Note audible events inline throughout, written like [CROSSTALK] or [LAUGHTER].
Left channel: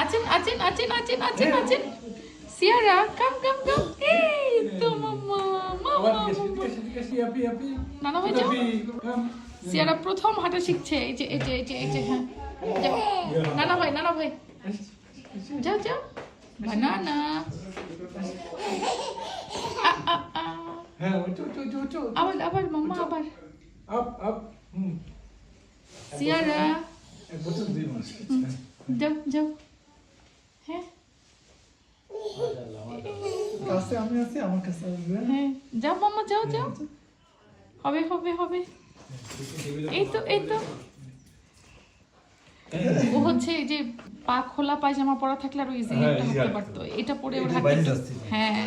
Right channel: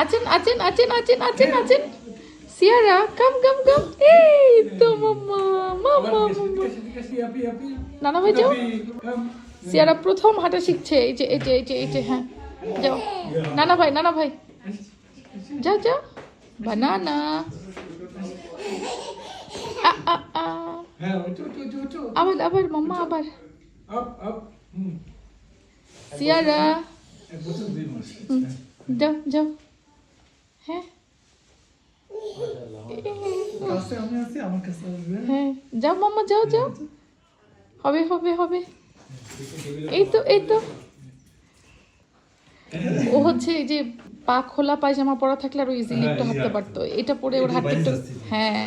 আছেন আছেন আছেন আছেন আছেন আছেন। সিয়ারা কাম কাম কাম। এই তো মাম্মা মাম্মা নানা ভাই যাও। সিয়ারা প্রথম হাঁটা শিখছে। এই যে এই যে এই যে এই যে হ্যাঁ। যাও। নানা ভাই নানা ভাই। যাও যাও। বানানা। হ্যাঁ আবার আবার মাম্মা আবার। সিয়ারা। যাও যাও। হ্যাঁ। কাছে আমি আছি আমার কাছে আসবে। হ্যাঁ। যাও মাম্মা যাও যাও। হবে হবে হবে। এই তো এই তো। ও হচ্ছে এই যে পা খোলা পায়জামা পরা থাকলে আরও ইজিলি হ্যাঁ, একটু হাঁটতে। পারতো। এটা পরে ওর হাঁটতে। হ্যাঁ।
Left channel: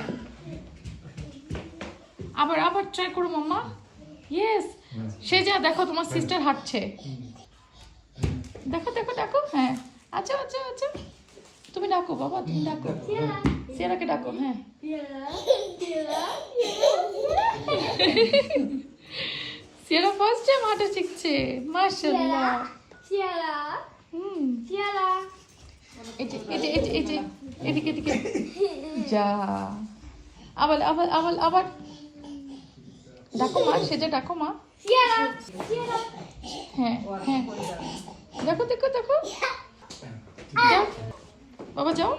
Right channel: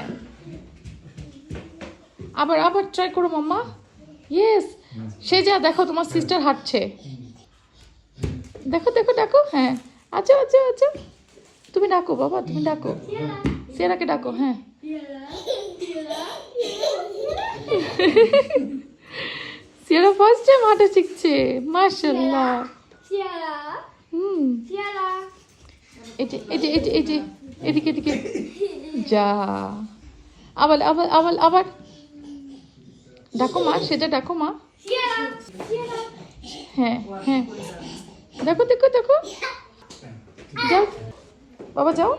আবার আবার ট্রাই করো মাম্মা। ইয়েস সে যা দেখো তোমার সিস্টার হাঁটছে। দেখো দেখো দেখো। হ্যাঁ। আচ্ছা আচ্ছা আচ্ছা। তুমি ডাকো বাবা তুমি ডাকো। সেরাকে ডাকো হ্যাঁ। সিয়ারা ফার্স্ট টাইম শিখছে Tiara, হুম। এদিকে এদিকে। যা। আবার আবার আবার ডাকো মা সেটা ডাকো মা. হ্যাঁ হ্যাঁ। দেখো দেখো দেখো। বাবা, যাও।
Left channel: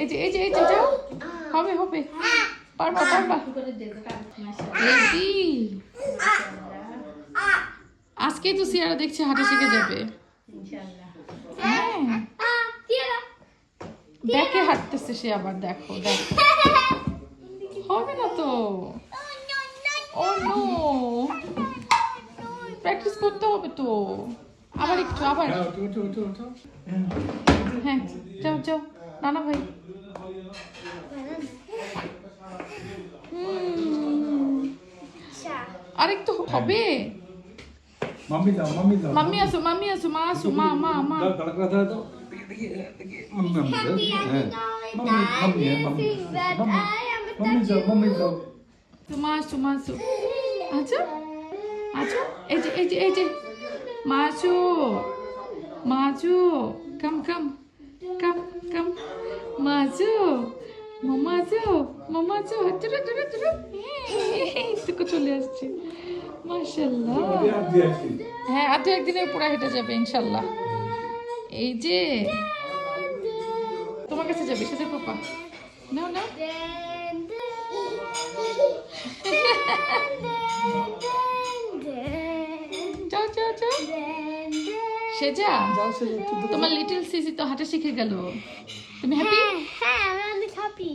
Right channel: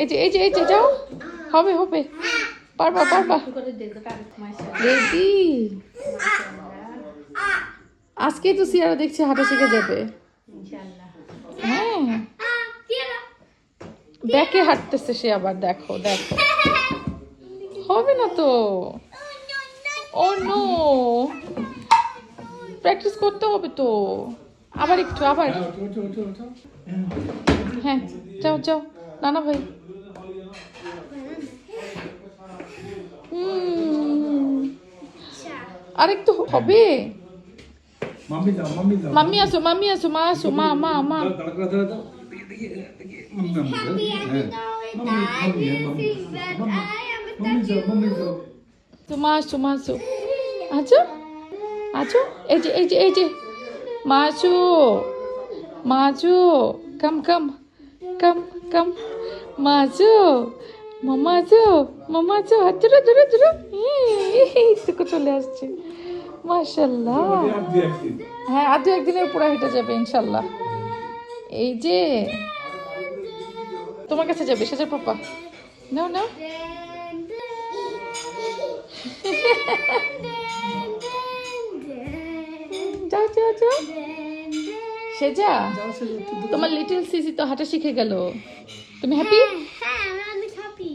এই যে এই যে এই যে, যাও। হবে হবে। পারবা পারবা। রেডি। আজকেই তো সিয়ারা দেখছে হাঁটা শিখে যাবে। হ্যাঁ। দেখে হাঁটতেছে সে আবার, দেখো দেখো। হবে না তো? ও নো। প্র্যাকটিস করতে হবে তো। আবার একটু আবার হ্যাঁ উঁচু হ্যাঁ যাও যাও নানা ভাই। হুম, আরেকটু হবে। মাম্মি দাও মাম্মি দাও মাম্মি আসো মাম্মি আসো মা আসো আসো আসো। আছো আছো? এই যে এই যে এই যে। আসো কাম কাম কাম কাম মা আসো মামা আসো মামা আসো হাত ধরো ধরো ধরো। এই চলে আসছে। মাশাল্লাহ হ্যাঁ আর দু একদিনের উপরে হেঁটে যাবে ইনশাল্লাহ এই যে তোমার কাছে যাবে সেটা পাপা। নাও নাও। [LAUGHS] [LAUGHS] সেজা? তোমার লিটল সিসি তো হাঁটা শিখে গেল। তুমি হ্যাপি হ্যাঁ আমি অনেক হ্যাপি